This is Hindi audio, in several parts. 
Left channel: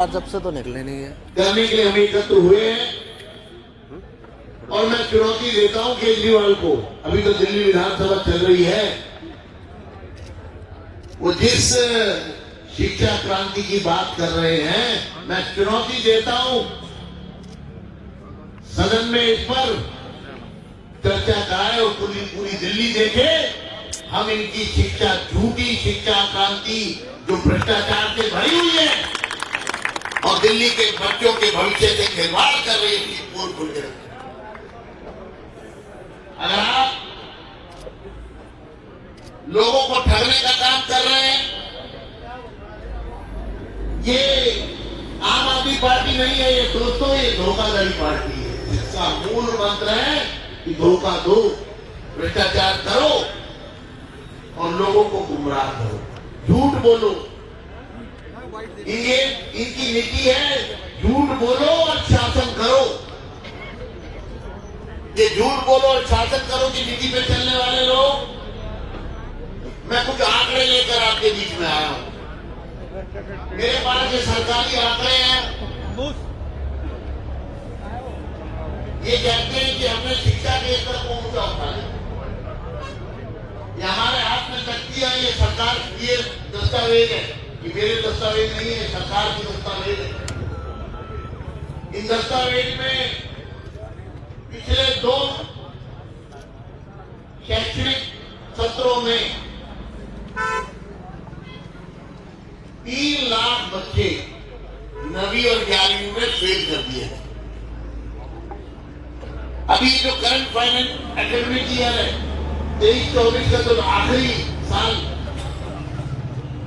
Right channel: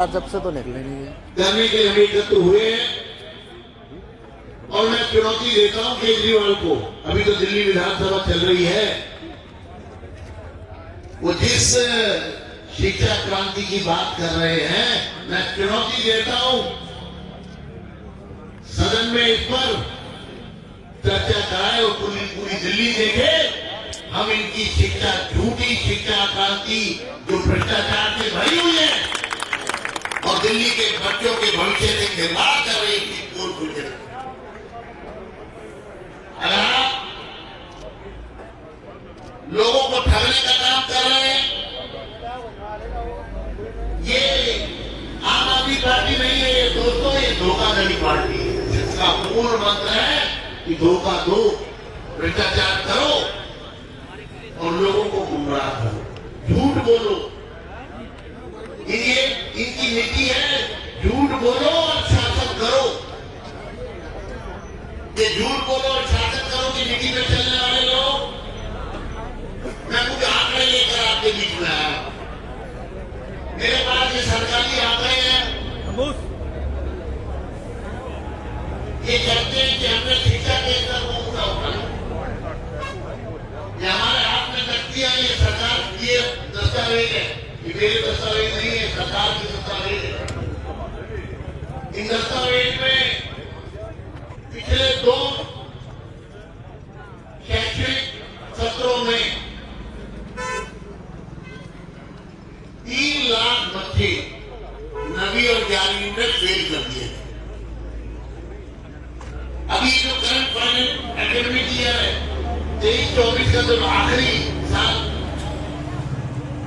जब से तो निकले नहीं है करने के हम एकत्र हुए हैं और मैं चुनौती देता हूं केजरीवाल को। अभी तो दिल्ली विधानसभा चल रही है, वो जिस शिक्षा क्रांति की बात कर रहे हैं, मैं चुनौती देता हूं सदन में इस पर चर्चा कराए और पूरी दिल्ली देखे। हम इनकी शिक्षा, झूठी शिक्षा क्रांति जो भ्रष्टाचार से भरी हुई है और दिल्ली के बच्चों के भविष्य से खिलवाड़ कर रही है, पोल खुल के। अगर आप लोगों को ठगने का काम कर रहे हैं, ये आम आदमी पार्टी नहीं है, ये दोस्तों, ये धोखाधड़ी पार्टी है, जिसका मूल मंत्र है कि धोखा दो, भ्रष्टाचार करो और लोगों को गुमराह करो, झूठ बोलो। ये इनकी नीति है, झूठ बोलो और शासन करो। ये झूठ बोलो और शासन करो की नीति पे चलने वाले लोग, मैं कुछ आंकड़े लेकर आपके बीच में आया हूं। मेरे पास ये सरकारी आंकड़े हैं, ये कहते हैं कि हमने शिक्षा के स्तर को ऊंचा उठाया। ये हमारे हाथ में शक्ति है, ये सरकार ये दस्तावेज है, ये मेरे दस्तावेज नहीं है, सरकार के दस्तावेज है। इन दस्तावेज में पिछले 2 शैक्षणिक सत्रों में 3 लाख बच्चे 9वीं और 11वीं में फेल कर दिए। अभी जो करंट फाइनेंस एकेडमिक ईयर है 23-24 का जो आखिरी साल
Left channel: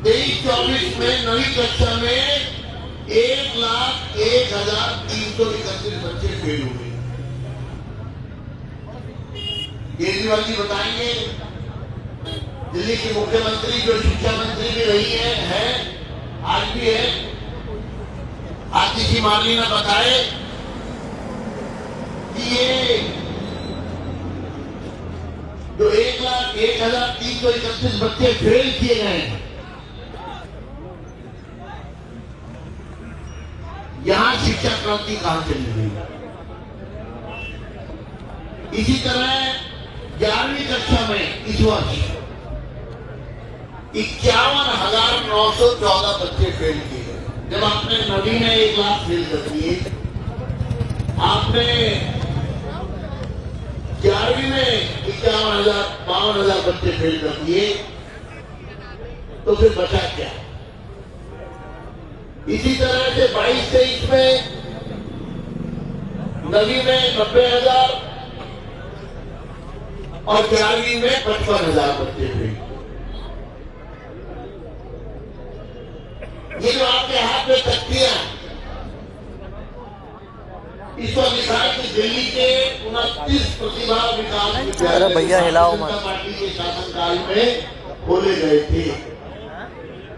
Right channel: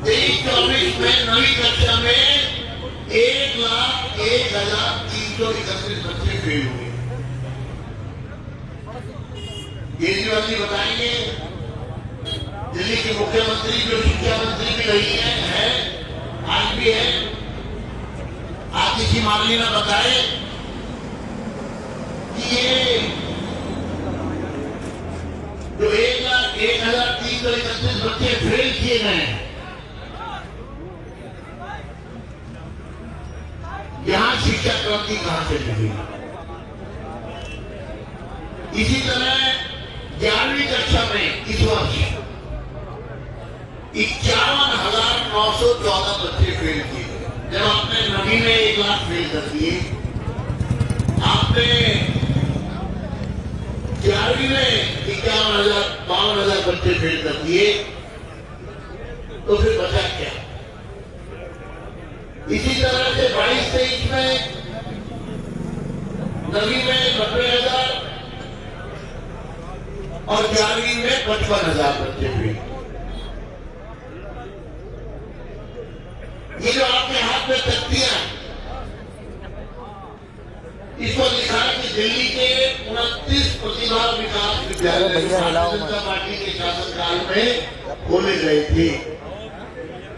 23-24 में 9वीं कक्षा में 1,01,331 बच्चे फेल हुए। केजरीवाल जी बताएंगे, दिल्ली की मुख्यमंत्री जो शिक्षा मंत्री भी रही है आज भी है, आतिशी मार्ली ने बताए कि ये जो 1,01,331 बच्चे फेल किए गए हैं, यहां शिक्षा क्रांति कहां चली गई। इसी तरह 11वीं कक्षा में इस वर्ष 51,914 बच्चे फेल किए। जब आपने 9वीं में 1 लाख फेल कर दिए, आपने 11वीं में 52,000 बच्चे फेल कर दिए, तो फिर बचा क्या? इसी तरह से 22-23 में 9वीं में 90,000 और 11वीं में 55,000 बच्चे फेल। ये जो आपके हाथ में तख्तियां, इस पर लिखा है कि दिल्ली के 29 प्रतिभा विकास विद्यालय भैया हिलाओ मत, पार्टी के शासनकाल में खोले गए थे।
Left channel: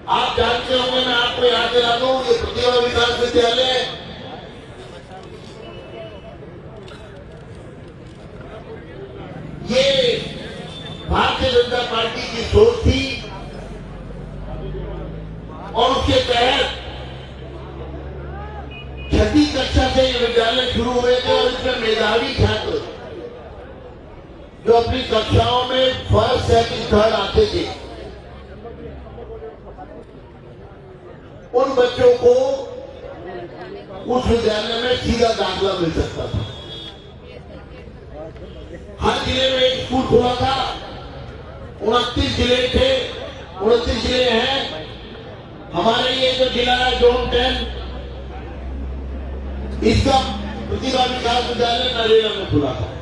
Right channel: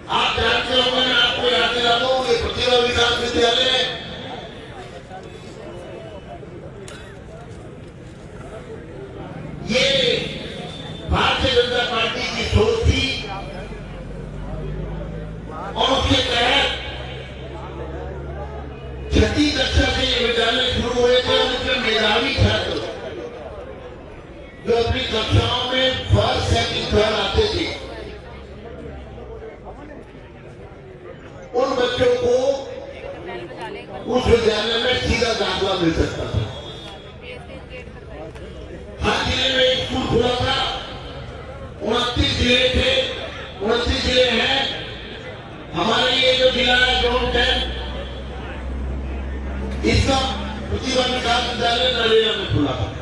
आप जानते होंगे, मैं आपको याद दिला दूं, ये प्रतिभा विकास विद्यालय ये भारतीय जनता पार्टी की सोच थी और उसके तहत 6ठी कक्षा से ये विद्यालय शुरू हुए थे और इसमें मेधावी छात्र जो अपनी कक्षाओं में फर्स्ट, सेकंड, थर्ड आते थे, उन बच्चों को उस विद्यालय में सीधा दाखिला मिल सकता था। हर जिले में एक स्कूल खुला था, 29 जिले थे, 29 जिले हैं। हमारे ये जो जिला है जोन 10, इसका प्रतिभा विकास विद्यालय नरेगा में खुला था।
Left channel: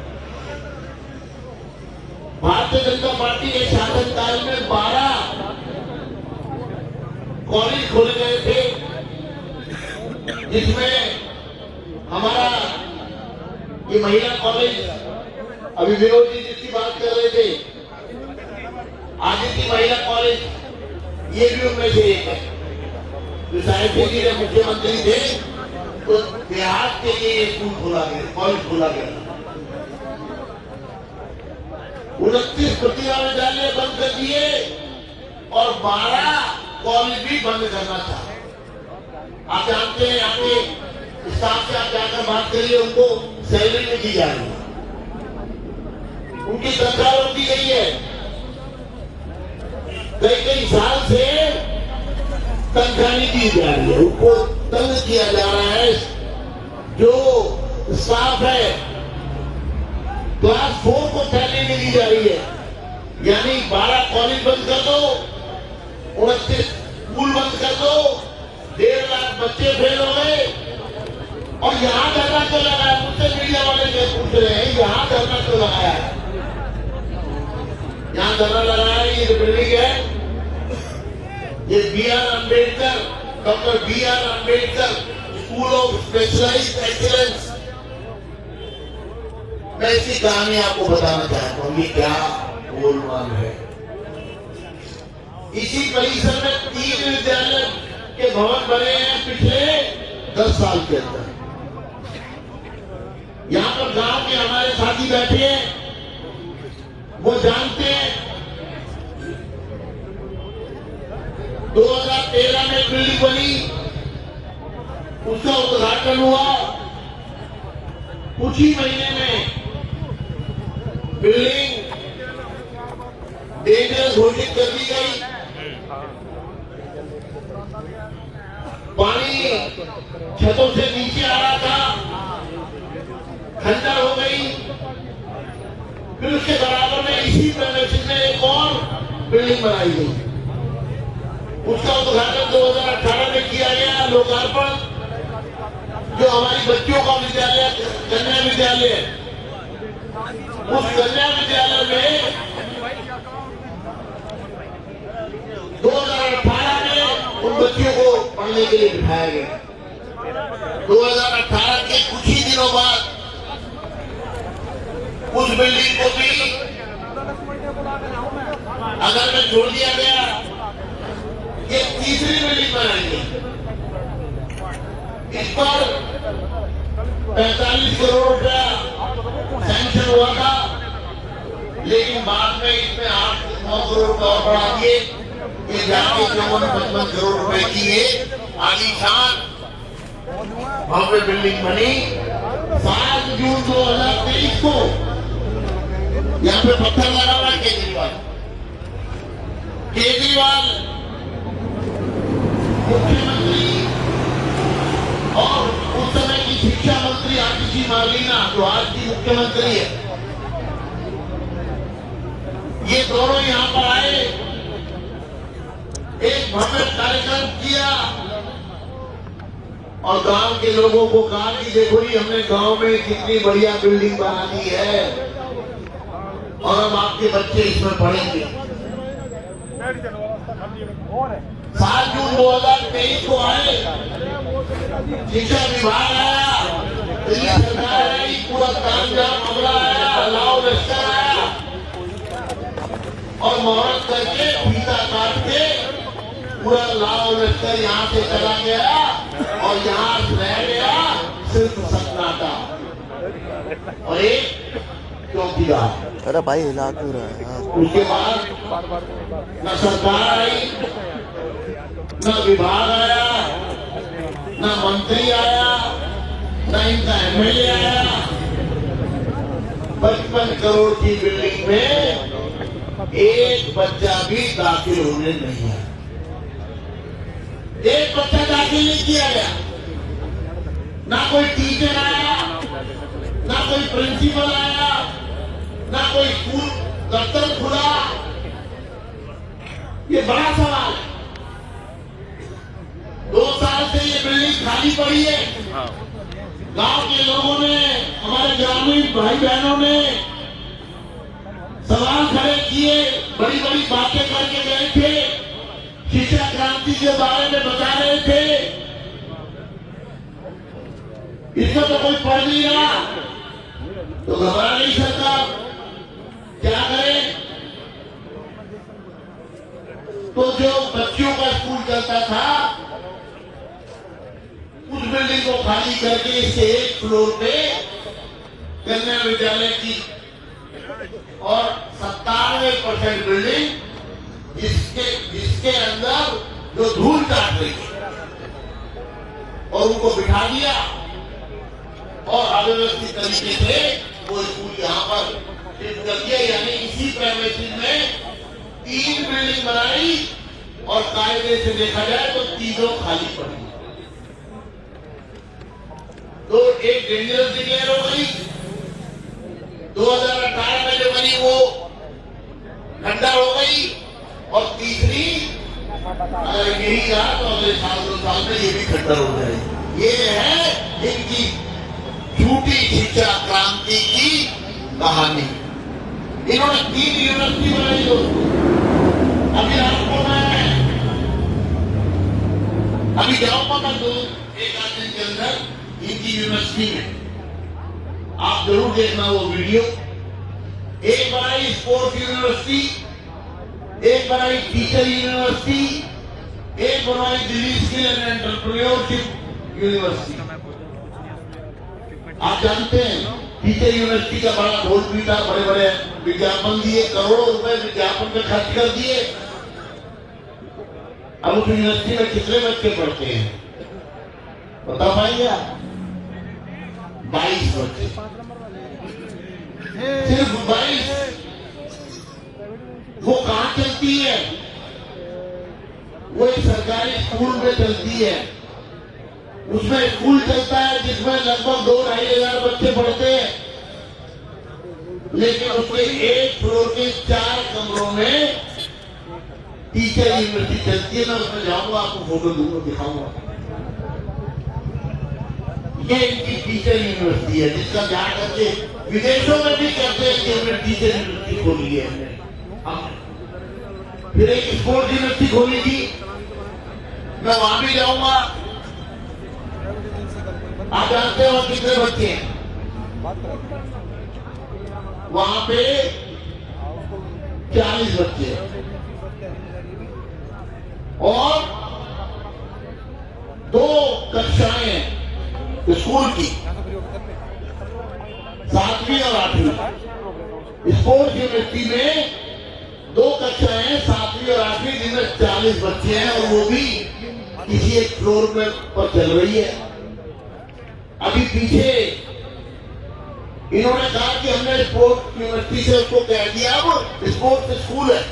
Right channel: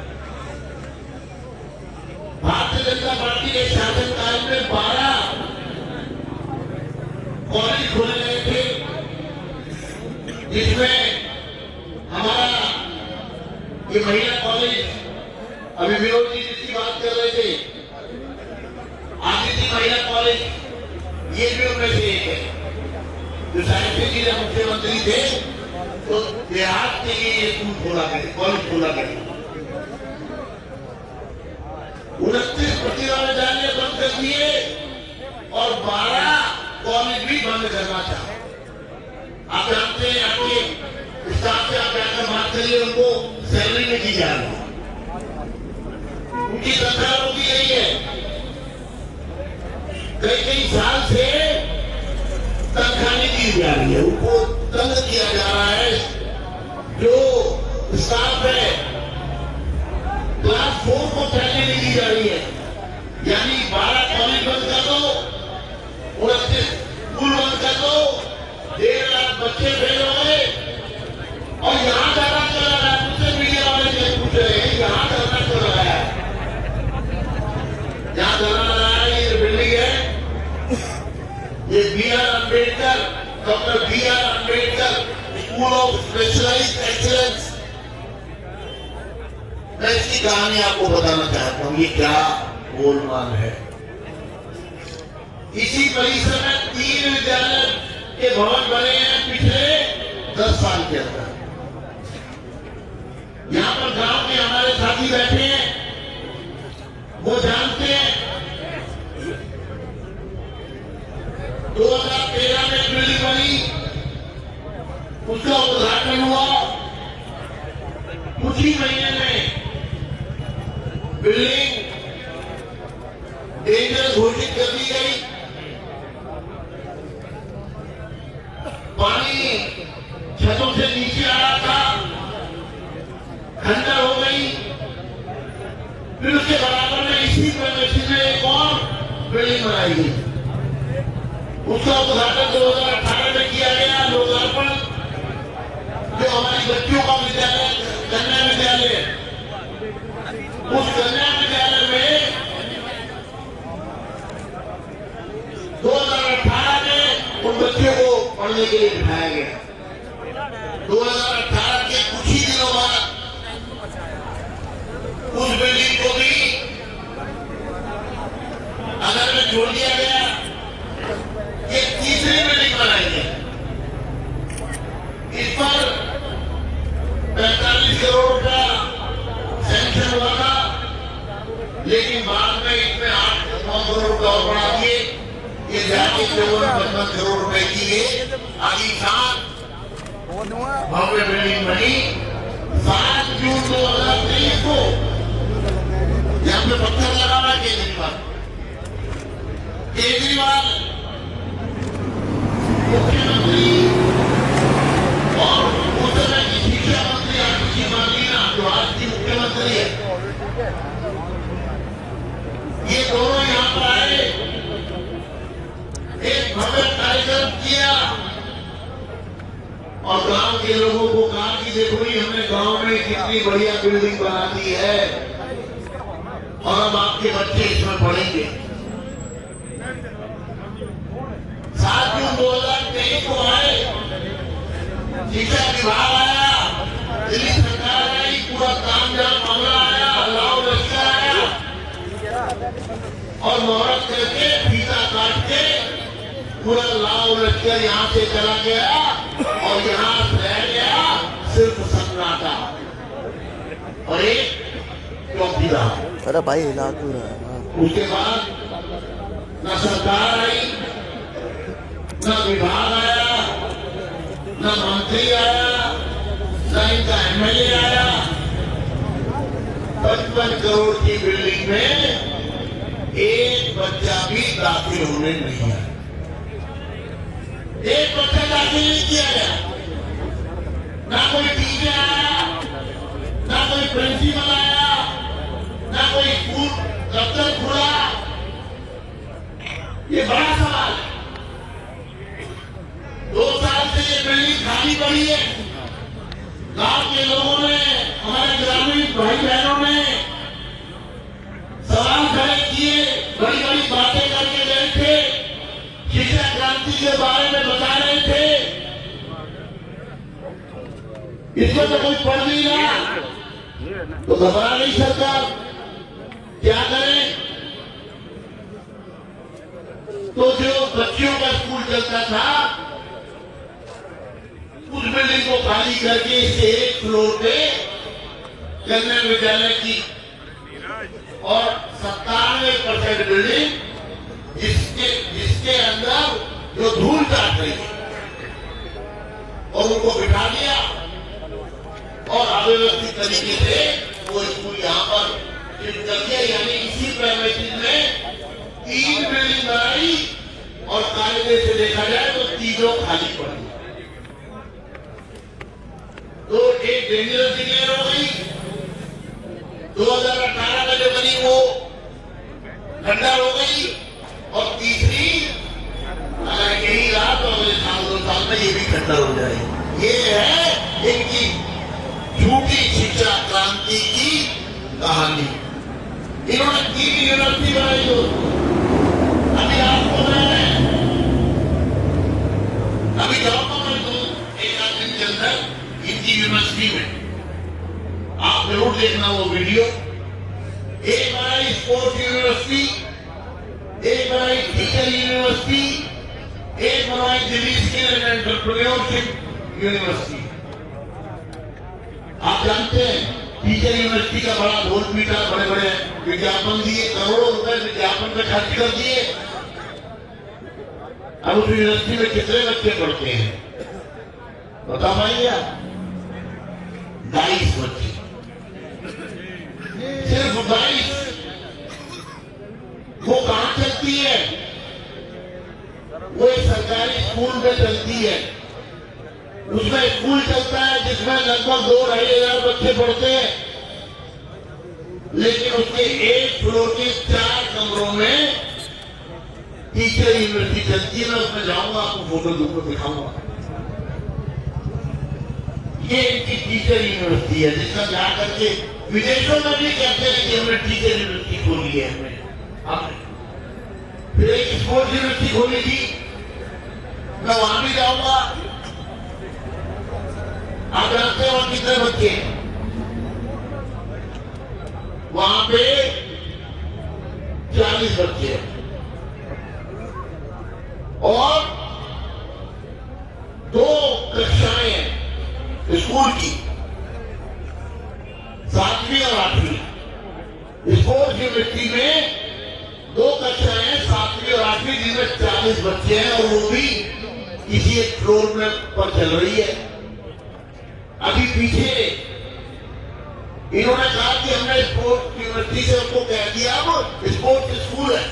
भारतीय जनता पार्टी के शासनकाल में 12 कॉलेज खोले गए थे, जिसमें हमारा ये महिला कॉलेज, अभी विनोद जी जिसकी बात कर रहे थे, आदित्य महिला कॉलेज, ये भी उनमें से एक है। जो साहित्य जी जब मुख्यमंत्री थे तो देहात के लिए स्कूल खोला गया, कॉलेज खोला गया। 29 प्रतिभा विद्यालय बंद कर दिए और 12 कॉलेज भी बंद करना चाहा। आप जानते हैं आपके स्टाफ से आप जाकर बात करिए, उनको सैलरी नहीं दी जा रही है, उनकी तनख्वाह रोक दी गई है, कई साल से तनख्वाह नहीं दी जा रही है, उनको तंग किया जा रहा है। जो स्टाफ है क्लास 4 को सैलरी नहीं दी जा रही है, यानी 12 कॉलेज बंद कर दो, 29 स्कूल बंद कर दो, 1.5 लाख बच्चे फेल हो गए। और यहां धरना क्यों लगाया, मुझसे मीडिया वाले पूछ रहे हैं यहां धरना क्यों लगाया है। यहां धरना लगाया है, ये जो बिल्डिंग है ये B.R. Ambedkar, doctor B.R. Ambedkar school of specialised excellence. मैं इसकी कहानी आपको बताना चाहता हूं, ये क्या गोलमाल है। इसी परिसर में 3 विद्यालय के भवन बने हैं पिछले 10 साल के अंदर। यहां पर गांव के हमारे साथी बैठे हैं, वो जानते हैं 2013 में बिल्डिंग बनी, उसका उद्घाटन हुआ, कुछ ही महीने में बिल्डिंग डेंजर घोषित कर दी गई। पानी छतों से नीचे आ रहा था, खंडर हो गई। फिर उसके बराबर में इसी प्रदर्शन में एक और बिल्डिंग बनाई गई, उसका उद्घाटन 2018 में किया गया, लोकार्पण। जो हमारी बच्चों का विद्यालय कन्या विद्यालय, उस कन्या विद्यालय में 2018 में उन बच्चों को पढ़ने के लिए बिठाया गया। 2018 के कुछ ही दिनों बाद उस बिल्डिंग को भी अगर में जोड़ दिया गया, एक तीसरी बिल्डिंग बनाई गई। इस पर 45 करोड़ रुपया सैंक्शन हुआ था, लेकिन बाद में इसमें 8-9 करोड़ रुपये और बढ़ा दिए, ये जाके 54-55 करोड़ रुपए की ये आलीशान भव्य बिल्डिंग बनी। 7 जून 2023 को यहाँ पे पत्थर लगा हुआ है केजरीवाल मुख्यमंत्री और उस समय की शिक्षा मंत्री आशीष मालीना, जो आज की मुख्यमंत्री है, ये दोनों यहां पर आए, एक भव्य कार्यक्रम किया और गांव के लोगों को कहा कि देखो जी, हमने गांव में कितनी बढ़िया बिल्डिंग बना दी है और अब आपके बच्चे इसमें पढ़ेंगे। 7 जून 2023 को आए, शिक्षा विभाग आया, दिल्ली सरकार आई, पूरा तामझाम मामला आया, लाओ लश्कर आया और मुहूर्त करके फीता काट के पूरा लाओ लश्कर यहां से चला गया और यहां रह गया सिर्फ सन्नाटा और एक चौकीदार। अरे भाई हिला क्यों रहा है यार? उसके बाद न सरकार आई, न विभाग आया, न मंत्री आया, न इनका एमएलए आया। 55 करोड़ की बिल्डिंग में एक बच्चा भी दाखिल होने नहीं आया, एक बच्चा दाखिल नहीं किया गया, ना कोई टीचर आया, ना कोई प्रिंसिपल आया, ना कोई स्कूल दफ्तर खुला। ये बड़ा सवाल है। 2 साल से ये बिल्डिंग खाली पड़ी है। गांव के लोगों ने, हमारे ग्रामीण भाई बहनों ने सवाल खड़े किए, बड़ी बड़ी बातें करके गए थे, शिक्षा क्रांति के बारे में बता रहे थे। इसको तो कोई पढ़ नहीं रहा, तो घबरा गई सरकार, क्या करें? तो जो बच्चियों का स्कूल चलता था, उस बिल्डिंग को खाली करके इसके 1 फ्लोर पे कन्या विद्यालय की और 97% बिल्डिंग जिसके अंदर जो धूल काट रही है, और उनको बिठा दिया और अव्यवस्थित तरीके से वो स्कूल यहाँ पर शिफ्ट कर दिया। यानी इसी प्रेमिसेस में 3 बिल्डिंग बनाई और कायदे से देखा जाए तो तीनों खाली पड़ी। तो एक डेंजरस डिक्लेयर हो गई, 2018 में जो बनी वो खंडर हो गई, और तीसरी अगर यही रहा तो अगले साल 2 साल में ये भी खंडर हो जाएगी। ये है इनकी झूठी शिक्षा क्रांति की कहानी। इन्होंने 3 यूनिवर्सिटी बनाई। तो अभी आपको मैं अभी जाऊंगा मैं 1-8 दिन के अंदर इनकी यूनिवर्सिटी में, आप जरूर देखना वो वीडियो। एक बनाई स्पोर्ट्स यूनिवर्सिटी, एक बनाई टीचर यूनिवर्सिटी, एक बनाई Delhi skill and entrepreneurship university. आप जानते हैं टीचर यूनिवर्सिटी का बड़ा ढोल पीटा, बड़े बड़े विज्ञापन दिए, करोड़ों रुपए विज्ञापन में खर्च कर दिए। अब उस यूनिवर्सिटी में कितने बच्चे पढ़ते हैं बता पाएंगे आप? 22 बच्चे, सिर्फ 22। वो कहां चलती है? वो एक सरकारी स्कूल में चलती है। उसमें स्कूल चलता है जिसमें लगभग 2-2.5 हजार बच्चे पढ़ते हैं, लेकिन उसके एक फ्लोर के 4 कमरों में टीचर यूनिवर्सिटी चलती है। मैं उसमें जाऊंगा, आपको फोटो दूंगा, दिखाऊंगा। ये इनकी टीचर यूनिवर्सिटी है जिसका जा करके विदेशों में भी कहते हैं कि हमने टीचर यूनिवर्सिटी खोली है हमने। फिर एक स्पोर्ट्स यूनिवर्सिटी खोली थी, मैं वहां भी जाऊंगा। आप जानते हो कितने बच्चे हैं वहां पे? 40 बच्चे हैं और 2 कक्षाएं स्कूल की, 7वीं और 8वीं। स्पोर्ट्स यूनिवर्सिटी में 2 कक्षाएं 7वीं और 8वीं, जिनमें 40 बच्चे हैं और वो भी किसी एक फ्लोर में पर चल रही है। अभी पीछे इन्होंने कहा कि हमने स्पोर्ट्स यूनिवर्सिटी से उसको कह दिया अब स्पोर्ट्स स्कूल है,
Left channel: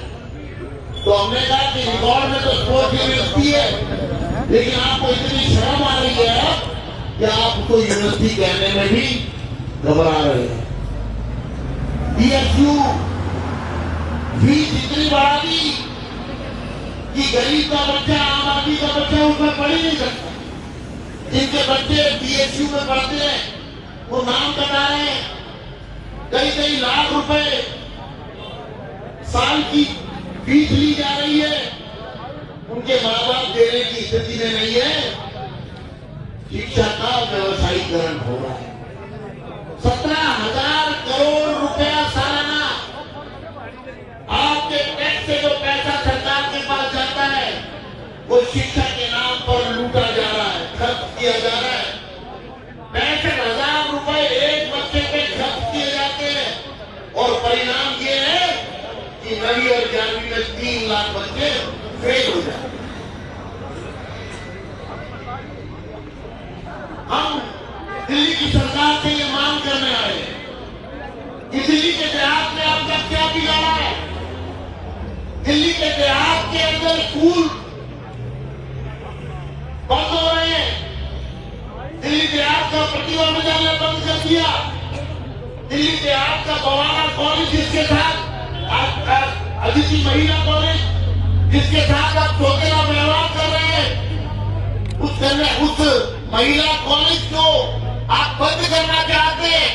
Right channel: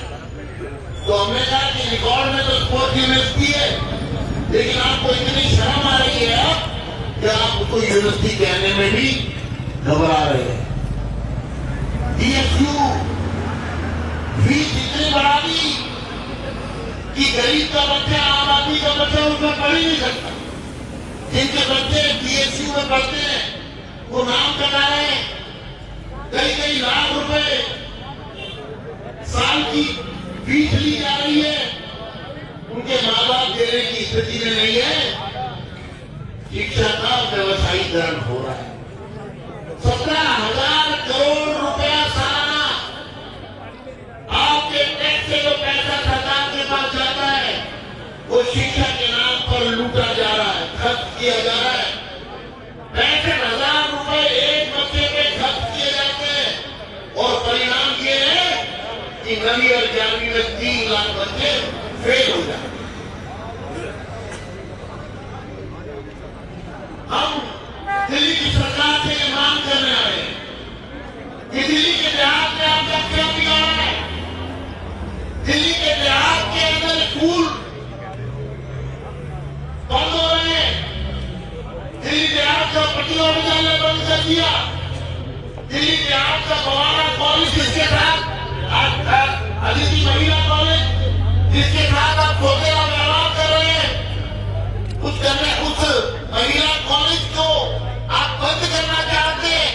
तो हमने कहा कि रिकॉर्ड में तो स्पोर्ट्स यूनिवर्सिटी है, लेकिन आपको इतनी शर्म आ रही है कि आप उसको यूनिवर्सिटी कहने में भी घबरा रहे हैं। DSU फीस इतनी बढ़ा दी कि गरीब का बच्चा, आम आदमी का बच्चा उसमें पढ़ ही नहीं सकता। जिनके बच्चे DSU में पढ़ते हैं वो नाम कमा रहे हैं, कई लाख रुपए साल की फीस ली जा रही है, उनके माँ बाप देने की स्थिति में नहीं है। शिक्षा का व्यवसायीकरण हो रहा है। 17,000 करोड़ रुपया सालाना आपके टैक्स से जो पैसा सरकार के पास जाता है वो शिक्षा के नाम पर लूटा जा रहा है, खर्च किया जा रहा है। 65,000 रुपए एक बच्चे पे खर्च किए जाते हैं और परिणाम ये है कि 9वीं और 11वीं में 3 लाख बच्चे फेल हो जाते हैं। हम दिल्ली की सरकार से ये मांग करने आए हैं कि दिल्ली के देहात में आपका क्या बिगाड़ा है? दिल्ली के देहात के अंदर स्कूल बंद हो रहे हैं। दिल्ली देहात का प्रतिभा विद्यालय बंद कर दिया। दिल्ली देहात का गवाना कॉलेज जिसके साथ अदिति महिला कॉलेज जिसके साथ आप छोटेरा व्यवहार कर रहे हैं, उस महिला कॉलेज को आप बंद करना चाहते हैं।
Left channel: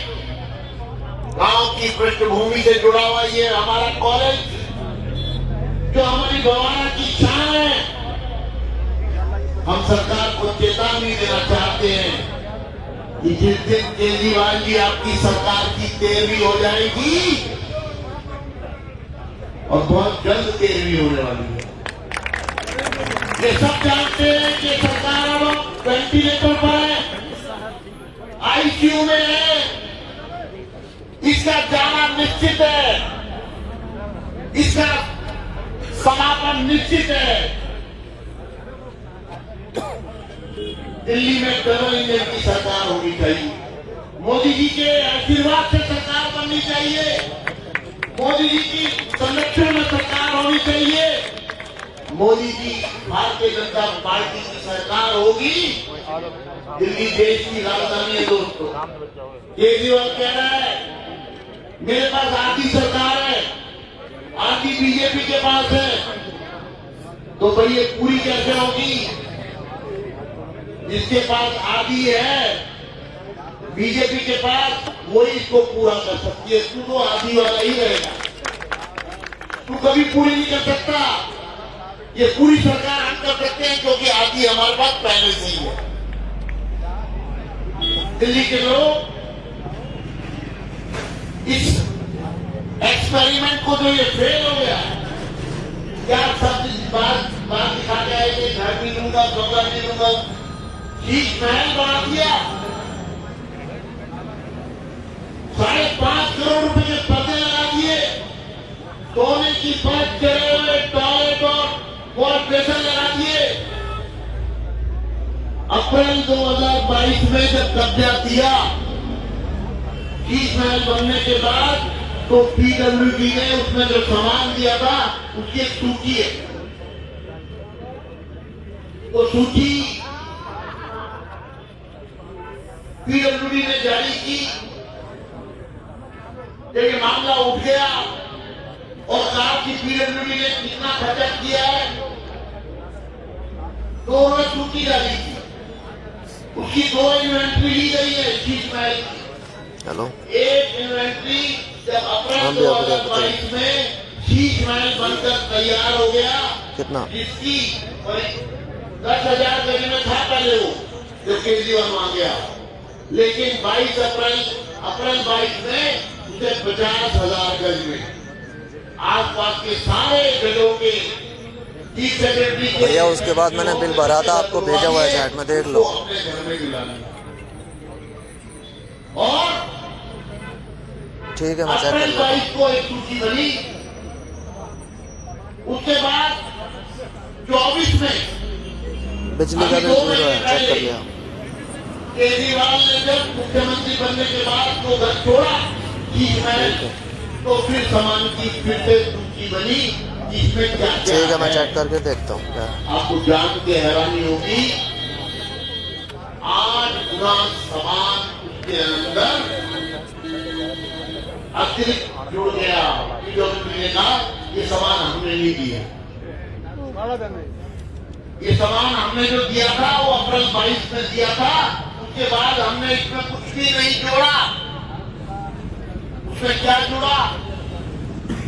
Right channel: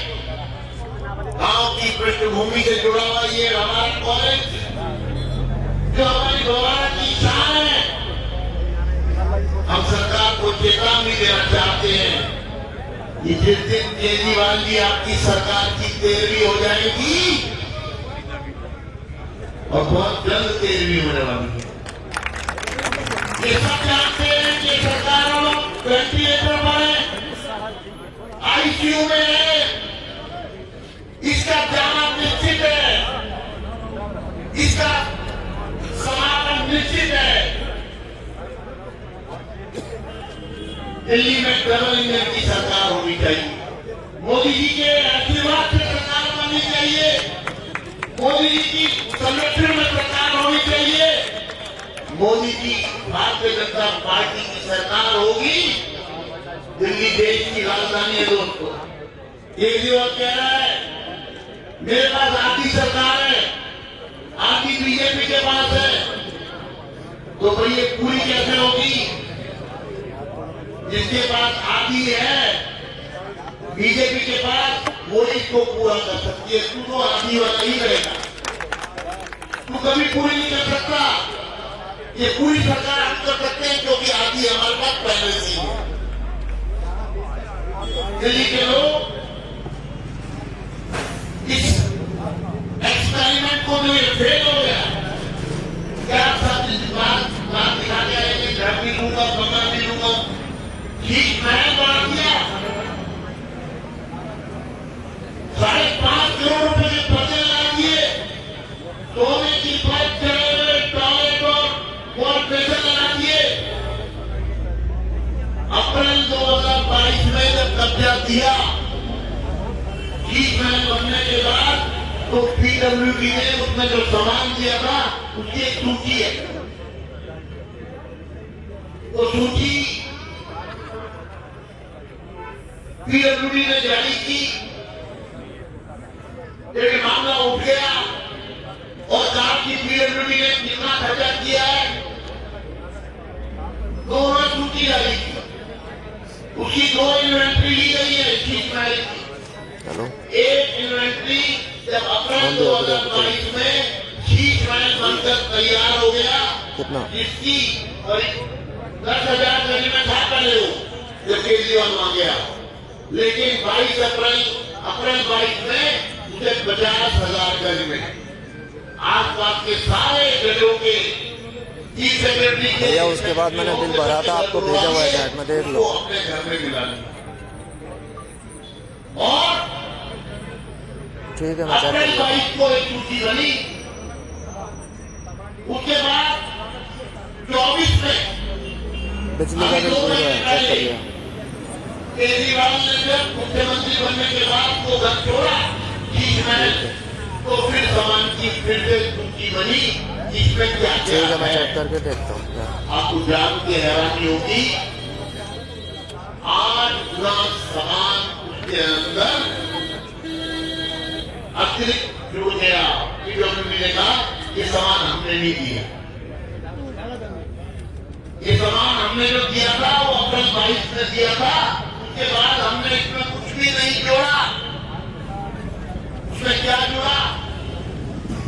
गांव की पृष्ठभूमि से जुड़ा हुआ ये हमारा कॉलेज जो हमारी गवाना की शान है, हम सरकार को चेतावनी देना चाहते हैं कि जिस दिन केजरीवाल जी आपकी सरकार की 13वीं हो जाएगी और बहुत जल्द 13वीं होने वाली है। ये सब जानते हैं कि सरकार वेंटिलेटर पर है, आईसीयू में है, इसका जाना निश्चित है, इसका समापन निश्चित है। दिल्ली में डबल इंजन की सरकार होनी चाहिए। मोदी जी के आशीर्वाद से सरकार बननी चाहिए। मोदी जी की संरक्षण में सरकार होनी चाहिए। मोदी जी भारतीय जनता पार्टी की सरकार होगी। दिल्ली देश की राजधानी है दोस्तों। केजरीवाल कह रहा है मेरे पास आधी सरकार है, आधी बीजेपी के पास है, तो भाई ये पूरी कैसे होगी? जिसके पास आधी है बीजेपी के पास, वो इसको पूरा कर सकती है। तू तो आधी वाला ही रहेगा, तू कभी पूरी नहीं कर सकता। ये पूरी सरकार हम कर सकते हैं क्योंकि आधी हमारे पास पहले से ही है। दिल्ली के लोग इस एक्सपेरिमेंट को जो ये फेल हो गया, क्या सब बात दिखा गया है कि घर भी लूंगा, बंगला भी लूंगा, ठीक महल बना दिया। 5.5 करोड़ रुपए के पर्दे लगा दिए, सोने की परत चढ़े हुए टॉयलेट और वॉलपेपर लगा दिए। अप्रैल 2022 में जब कब्जा किया, ठीक महल बनने के बाद, तो पीडब्ल्यूडी ने उसमें जो सामान दिया था उसकी एक सूची है। वो सूची पीडब्ल्यूडी ने जारी की। जब ये मामला उठ गया और कहा कि पीडब्ल्यूडी ने कितना खर्चा किया है, दोनों सूची जारी की। उसकी 2 इन्वेंट्री ली गई है शीश महल की। हेलो, एक इन्वेंट्री जब अप्रैल 2022 में शीश महल बनकर तैयार हो गया, कितना जिसकी 10,000 देने में था पहले वो, जो केजरीवाल मांग गया। लेकिन 22 अप्रैल 22 में उसे 50,000 गज में आसपास के सारे गजों के चीफ सेक्रेटरी भैया, उसके बाद मैंने बिल भरा था, आपको भेजा हुआ है चैट में, देख लो। अपने घर में मिला और ठीक है, मैं चेक कर लेता हूँ। को एक सूची बनी। उसके बाद 24 में बिजली का बिल जीरो है, चेक कर लिया। केजरीवाल ने जब मुख्यमंत्री बनने के बाद वो घर छोड़ा, तो फिर सामान की फिर से सूची बनी, जिसमें क्या ठीक है, मैं चेक करके देखता हूँ क्या। आपको जान के हैरानी होगी, 8 गुना सामान उसके अंदर अतिरिक्त जुड़ गया। पीडब्ल्यूडी ने कहा ये सामान हमने नहीं दिया। ये सामान हमने जो दिया था वो अप्रैल 22 में दिया था। उसके बाद हमने इसमें कुछ भी नहीं जोड़ा। उसमें क्या जुड़ा?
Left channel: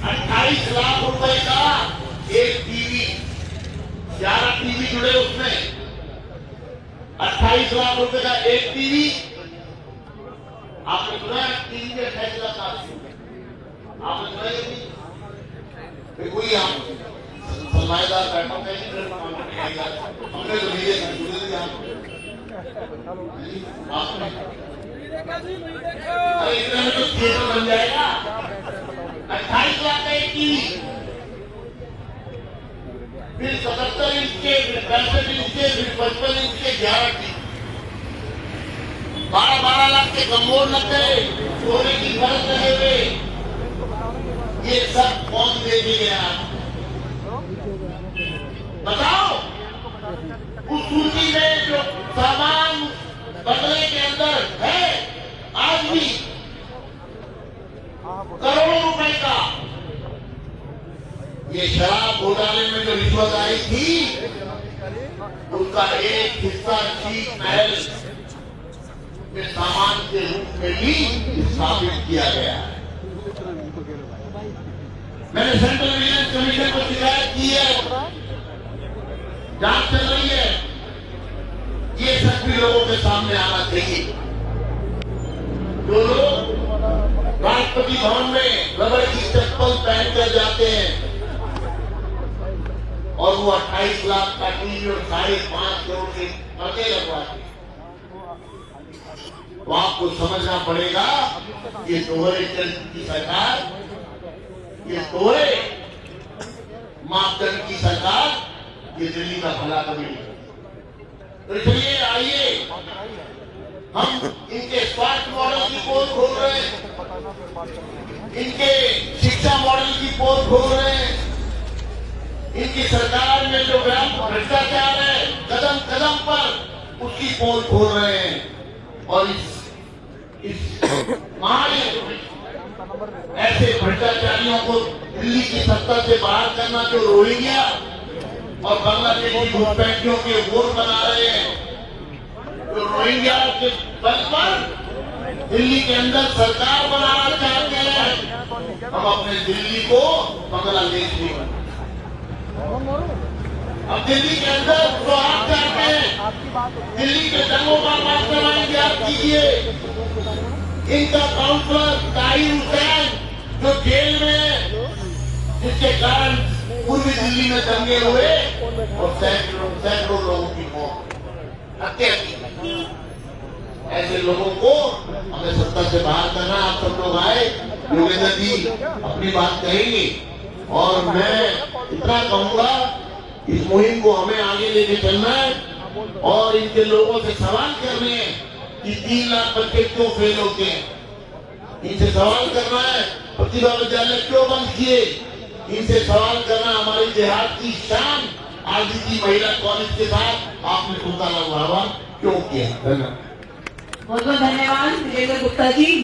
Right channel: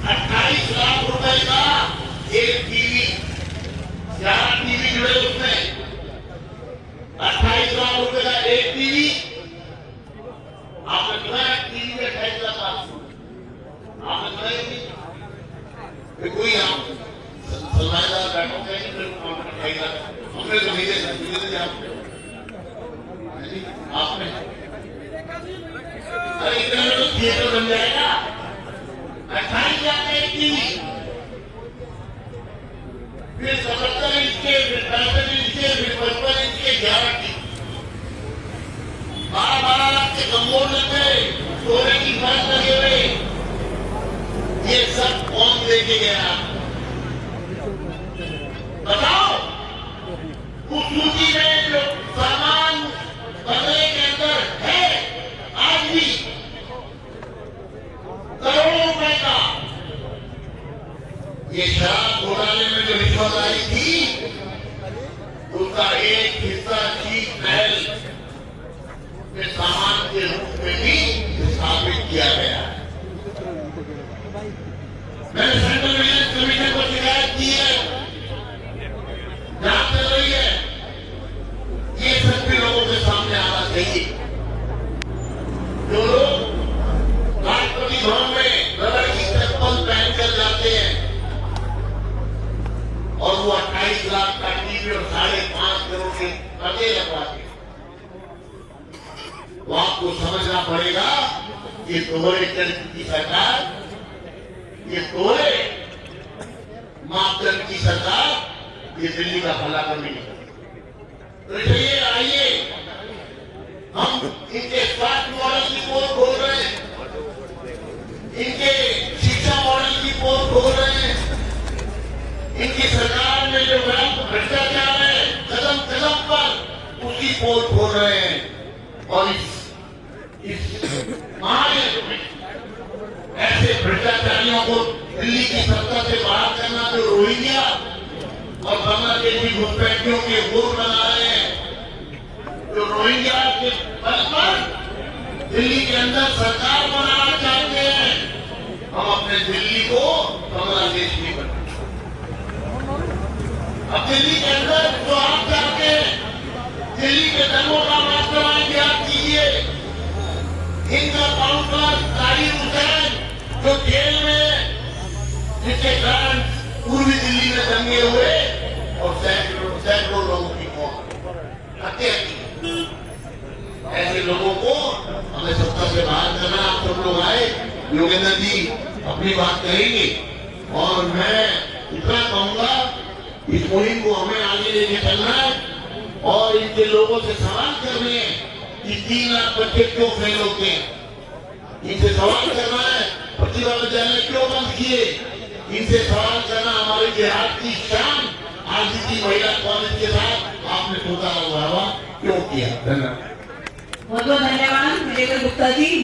28 लाख रुपए का एक टीवी, 11 टीवी जुड़े उसमें। 28 लाख रुपए का एक टीवी। आपने सुना है टीवी के 28 लाख? आपने सुना है? कोई आप सलाहदार बैठो कहीं, हमने तो नहीं आपने अरे इतने में तो थिएटर बन जाएगा। 28 लाख का एक टीवी, फिर 77 इंच के, 65 इंच के, 55 इंच के 11 टीवी, 12 लाख के कमोड लग गए, सोने की परत लगे हुए। ये सब कौन देखे गया? बताओ। उस सूची में जो सामान बदले के अंदर है आज भी करोड़ों रुपए का, ये शराब घोटाले में जो रिश्वत आई थी उसका एक हिस्सा शीश महल के सामान के रूप में भी स्थापित किया गया है। मैंने सेंट्रल विजिलेंस कमीशन को शिकायत की है, जांच चल रही है। ये सब भी लोगों के सामने आना चाहिए। जो लोग राष्ट्रपति भवन में रबर की चप्पल पहनकर जाते हैं और वो 28 लाख का टीवी और 5.5 करोड़ के पते लगवाते, तो आपको समझना पड़ेगा ये दोहरे चरित्र की सरकार, ये दोहरे मापदंड की सरकार, ये दिल्ली का भला कभी नहीं। तो चलिए आइए, हम इनके स्वास्थ्य मॉडल की पोल खोल रहे हैं, इनके शिक्षा मॉडल की पोल खोल रहे हैं, इनकी सरकार में जो भ्रष्टाचार है कदम कदम पर उसकी पोल खोल रहे हैं। और इस महायुद्ध में ऐसे भ्रष्टाचारियों को दिल्ली की सत्ता से बाहर करना, जो रोहिंग्या और बांग्लादेशी घुसपैठियों के वोट बना रहे हैं, जो रोहिंग्या के बल पर दिल्ली के अंदर सरकार बनाना चाहते हैं, हम अपने दिल्ली को बांग्लादेश भी बनाए। अब दिल्ली के अंदर जो आप चाहते हैं, दिल्ली के दंगों का मास्टरमाइंड याद कीजिए, इनका काउंसलर ताहिर हुसैन जो जेल में, जिसके कारण पूर्वी दिल्ली में दंगे हुए और सैकड़ों लोगों की मौत, हत्या की। ऐसे लोगों को हमें सत्ता से बाहर करना। आप सब लोग आए, योगेंद्र जी अपनी बात कहेंगे और मैं इतना कहूंगा, इस मुहिम को हमें आगे लेके चलना है और इनके लोगों से सवाल करने हैं कि 3 लाख बच्चे क्यों फेल होते हैं। इनसे सवाल करना है प्रतिभा विद्यालय क्यों बंद किए। इनसे सवाल करना हमारे देहात की शान आदित्य महिला कॉलेज के साथ आपने पुकारा हुआ क्यों किया। धन्यवाद। बहुत बहुत धन्यवाद वीरेंद्र गुप्ता जी।